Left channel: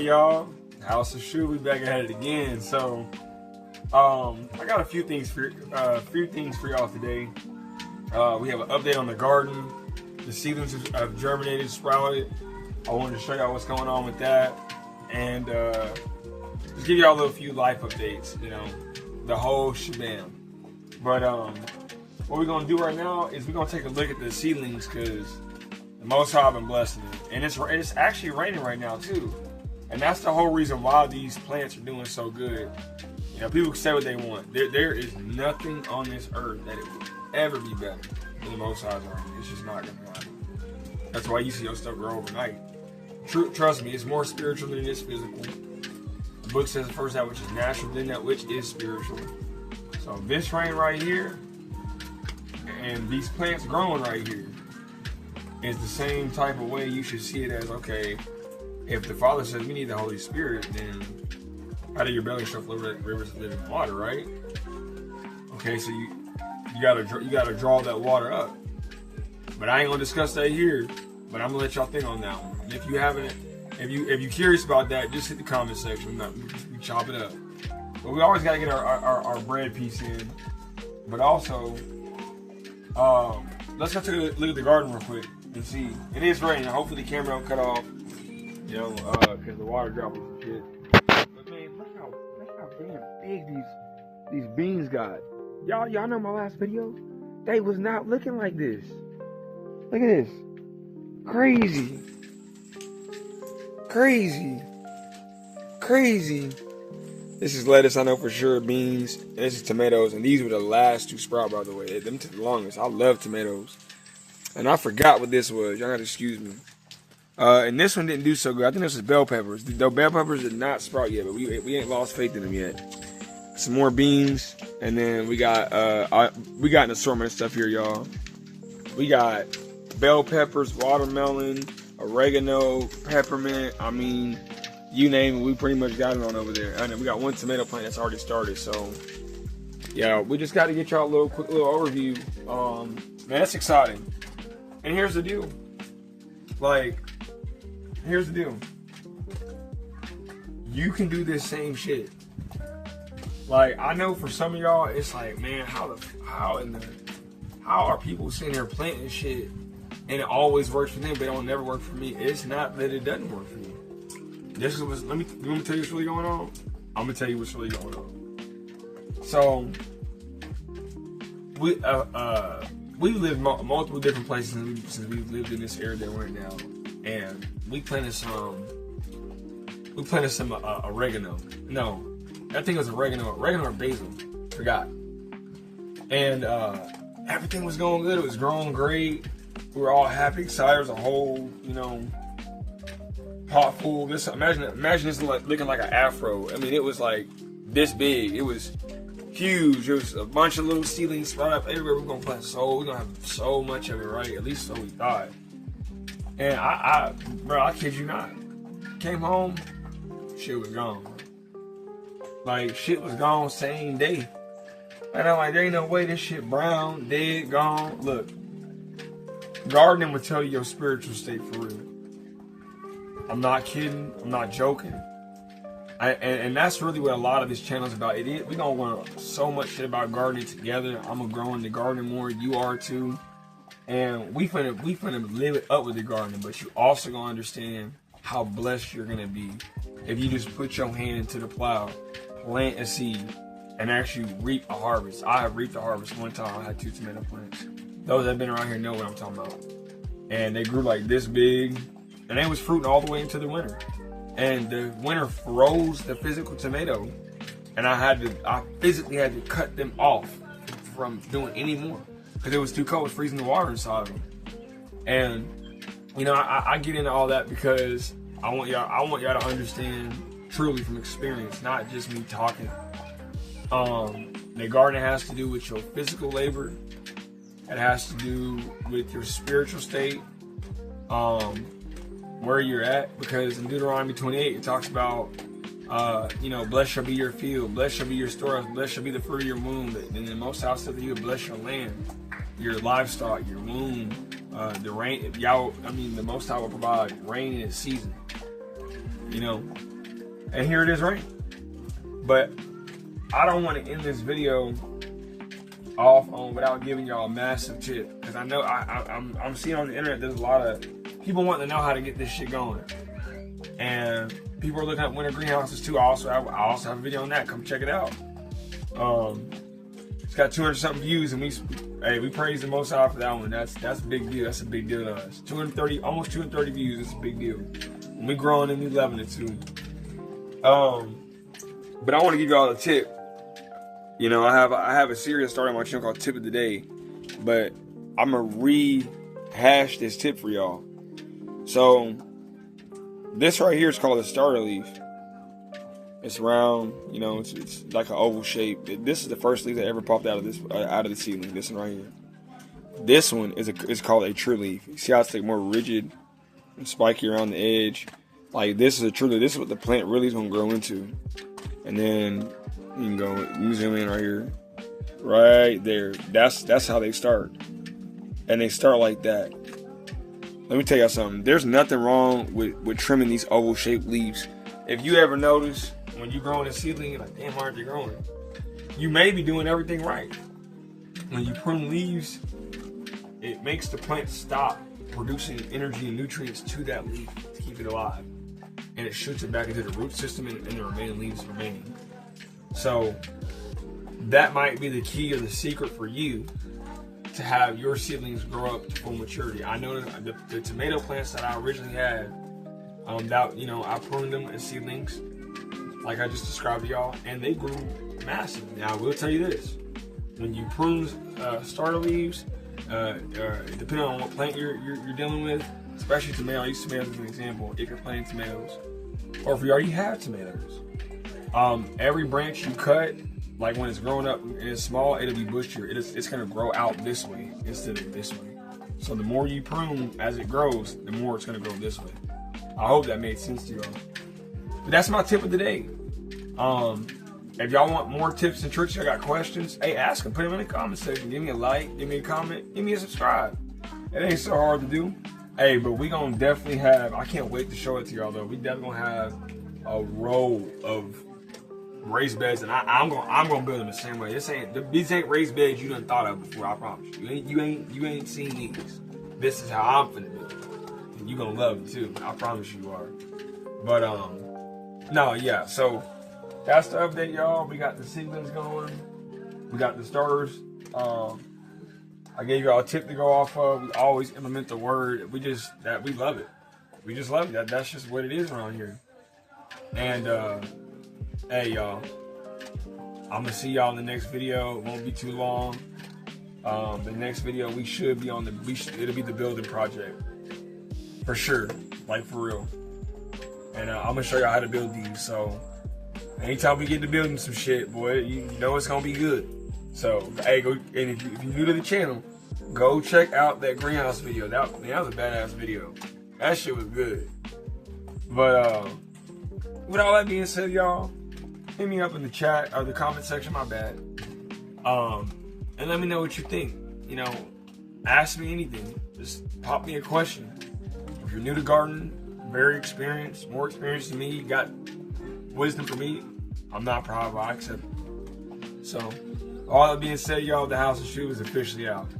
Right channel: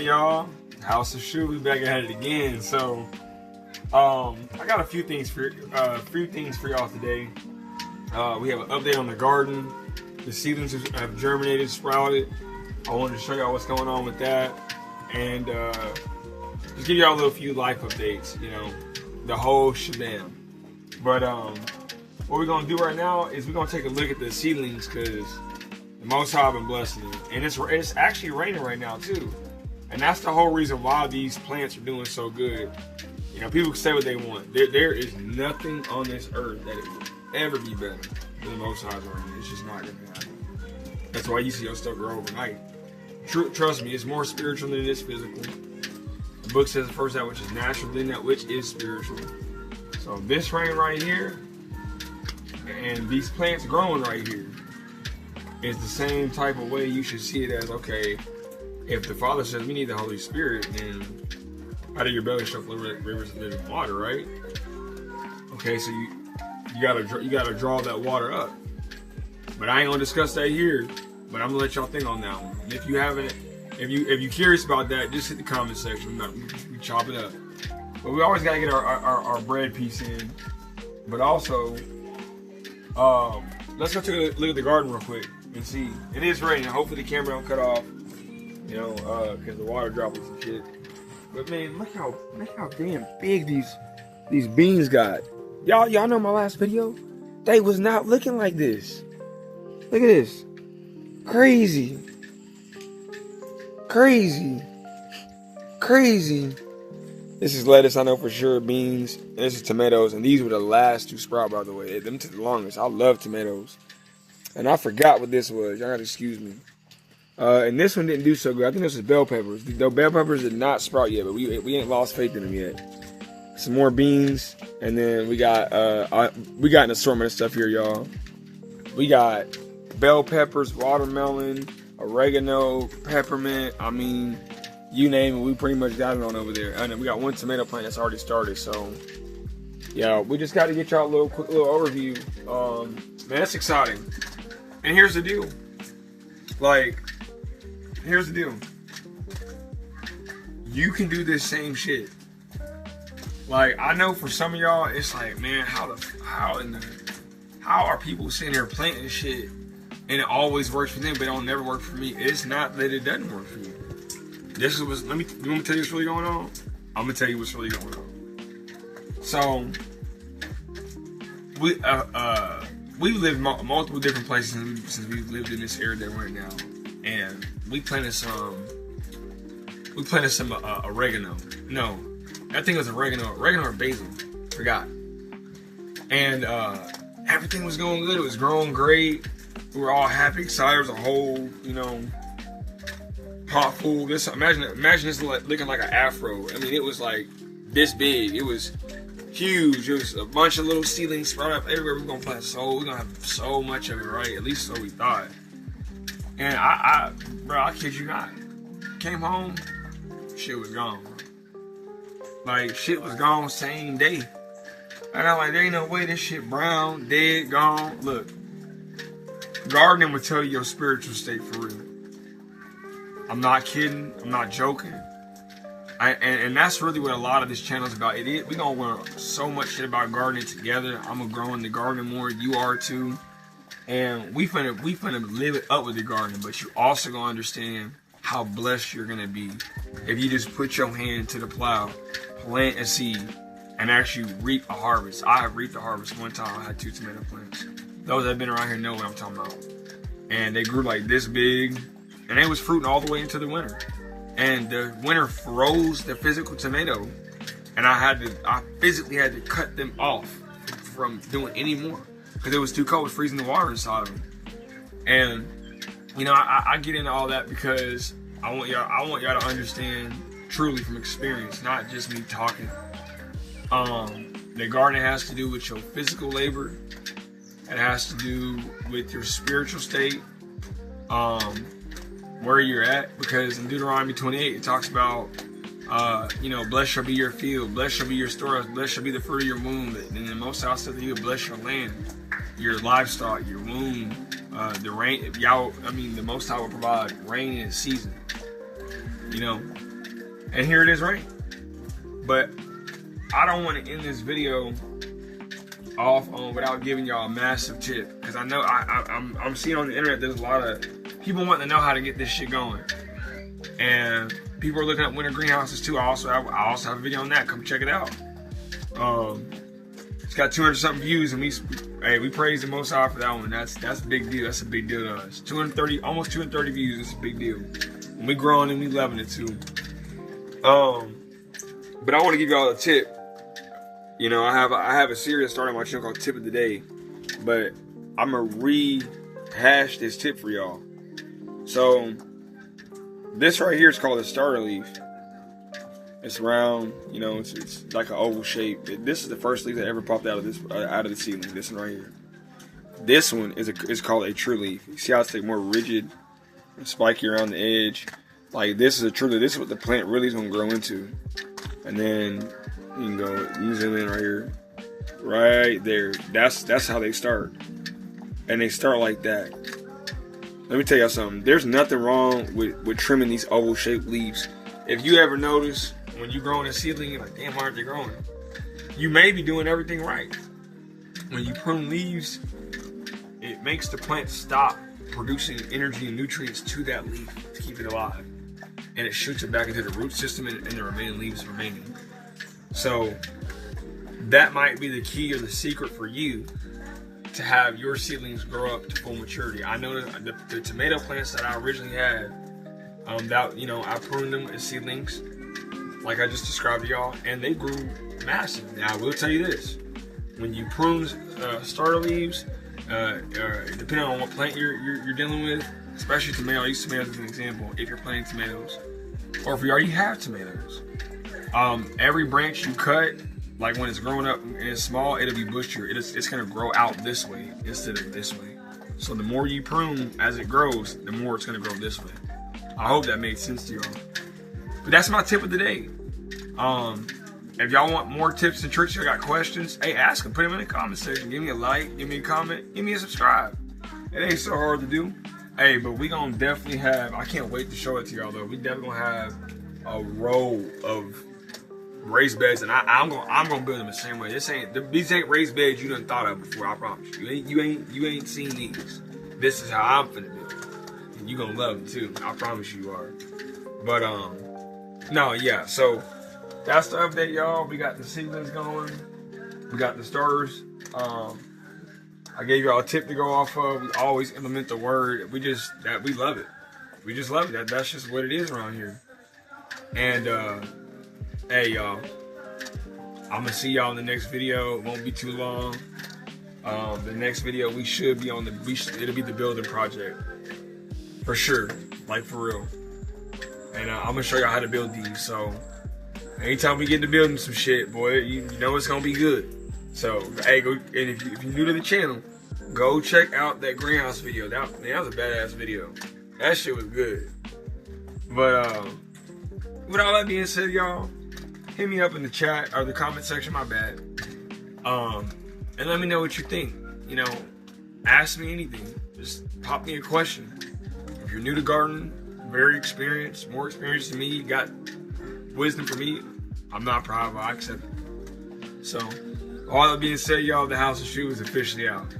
right, y'all. House of Shu, we back at it again. So, I got a few things for y'all today. We have an update on the garden. The seedlings have germinated, sprouted. I wanted to show y'all what's going on with that, and just give y'all a little few life updates. You know, the whole shebang. But what we're gonna do right now is we're gonna take a look at the seedlings because the Most High been blessing them, and it's actually raining right now too. And that's the whole reason why these plants are doing so good. You know, people can say what they want. There is nothing on this earth that it will ever be better than the Most High's rain. It's just not gonna happen. That's why you see your stuff grow overnight. Trust me, it's more spiritual than it is physical. The book says first that which is natural, then that which is spiritual. So this rain right here, and these plants growing right here, is the same type of way you should see it as, okay, if the Father says we need the Holy Spirit, then out of your belly shall flow rivers of living water, right? Okay, so you gotta draw that water up. But I ain't gonna discuss that here. But I'm gonna let y'all think on that one. And if you're curious about that, just hit the comment section. We chop it up. But we always gotta get our bread piece in. But also, let's go take a look at the garden real quick and see. It is raining. Hopefully the camera don't cut off. You know, because the water dropping some shit. But man, look how damn big these beans got. Y'all know my last video? They was not looking like this. Look at this. Crazy. This is lettuce, I know for sure. Beans. And this is tomatoes. And these were the last to sprout, by the way. Them took the longest. I love tomatoes. And I forgot what this was. Y'all gotta excuse me. And this one didn't do so good. I think this was bell peppers. The bell peppers did not sprout yet, but we ain't lost faith in them yet. Some more beans, and then we got an assortment of stuff here, y'all. We got bell peppers, watermelon, oregano, peppermint. I mean, you name it, we pretty much got it on over there. And then we got one tomato plant that's already started. So, yeah, we just got to get y'all a quick little overview. Man, it's exciting. And here's the deal. Here's the deal. You can do this same shit. Like, I know for some of y'all, it's like, man, how are people sitting here planting shit and it always works for them, but it don't never work for me? It's not that it doesn't work for you. You want me to tell you what's really going on? I'm gonna tell you what's really going on. So, we've lived multiple different places since we've lived in this area that we're in now. And we planted some oregano. No, I think it was oregano or basil. Forgot. And everything was going good. It was growing great. We were all happy, excited. There was a whole, pot full. Imagine this looking like an afro. I mean, it was like this big. It was huge. It was a bunch of little seedlings sprout up everywhere. We're gonna plant we're gonna have so much of it, right? At least so we thought. And I kid you not, came home, shit was gone. Like, shit was gone same day. And I'm like, there ain't no way this shit brown, dead, gone. Look, gardening will tell you your spiritual state for real. I'm not kidding. I'm not joking. And that's really what a lot of this channel is about. We gonna learn so much shit about gardening together. I'm gonna grow in the garden more. You are too. And we finna live it up with the garden, but you also gonna understand how blessed you're gonna be if you just put your hand to the plow, plant a seed, and actually reap a harvest. I have reaped a harvest one time. I had 2 tomato plants. Those that have been around here know what I'm talking about. And they grew like this big, and they was fruiting all the way into the winter. And the winter froze the physical tomato, and I physically had to cut them off from doing any more. Because it was too cold, it was freezing the water inside of them. And, I get into all that because I want y'all to understand truly from experience, not just me talking. The garden has to do with your physical labor. It has to do with your spiritual state, where you're at. Because in Deuteronomy 28, it talks about, blessed shall be your field, blessed shall be your storehouse, blessed shall be the fruit of your womb. And then most out said that you will bless your land, your livestock, your womb, the rain. The Most High will provide rain in its season. And here it is right. But I don't want to end this video off on without giving y'all a massive tip, because I know I'm seeing on the internet there's a lot of people wanting to know how to get this shit going, and people are looking at winter greenhouses too. I also have a video on that. Come check it out. It's got 200 something views, and we praise the Most High for that one. That's a big deal. That's a big deal to us. Almost 230 views. It's a big deal. And we growing and we loving it too. But I want to give y'all a tip. You know, I have a series starting my channel called Tip of the Day, but I'm gonna rehash this tip for y'all. So this right here is called a starter leaf. It's round, you know, it's like an oval shape. This is the first leaf that ever popped out of the seedling. This one right here. This one is called a true leaf. You see how it's like more rigid and spiky around the edge. Like this is a true leaf. This is what the plant really is gonna grow into. And then you can go zoom in right here, right there. That's how they start, and they start like that. Let me tell y'all something. There's nothing wrong with trimming these oval shaped leaves. If you ever notice when you growing a seedling, you're like, damn, why aren't they growing? You may be doing everything right. When you prune leaves, it makes the plant stop producing energy and nutrients to that leaf to keep it alive. And it shoots it back into the root system and the remaining leaves remaining. So that might be the key or the secret for you to have your seedlings grow up to full maturity. I know the tomato plants that I originally had, I pruned them as seedlings, like I just described to y'all, and they grew massive. Now I will tell you this: when you prune starter leaves, depending on what plant you're dealing with, especially tomato, I use tomatoes as an example. If you're planting tomatoes, or if you already have tomatoes, every branch you cut, like when it's growing up and it's small, it'll be bushier. It's gonna grow out this way instead of this way. So the more you prune as it grows, the more it's gonna grow this way. I hope that made sense to y'all. But that's my tip of the day. If y'all want more tips and tricks, y'all got questions, hey, ask them. Put them in the comment section. Give me a like, give me a comment, give me a subscribe. It ain't so hard to do. Hey, but we gonna definitely have, I can't wait to show it to y'all though. We definitely gonna have a row of raised beds, and I'm gonna build them the same way. These ain't raised beds you done thought of before. I promise you. You ain't seen these. This is how I'm finna do it, and you gonna love it too. I promise you are. But no, yeah. So that's the update, y'all. We got the seedlings going. We got the starters. I gave y'all a tip to go off of. We always implement the word. We love it. We just love it. That's just what it is around here. And hey y'all, I'm gonna see y'all in the next video. It won't be too long. The next video we should be on it'll be the building project for sure, like for real. And I'm gonna show y'all how to build these. So anytime we get to building some shit, boy, you know it's gonna be good. So hey, go, and if you're new to the channel, go check out that greenhouse video. That was a badass video. That shit was good. But with all that being said, y'all, hit me up in the chat or the comment section, my bad. And let me know what you think. You know, ask me anything. Just pop me a question. If you're new to gardening, very experienced, more experienced than me, you got wisdom for me, I'm not proud, but I accept it. So, all that being said, y'all, the House of Shoe is officially out.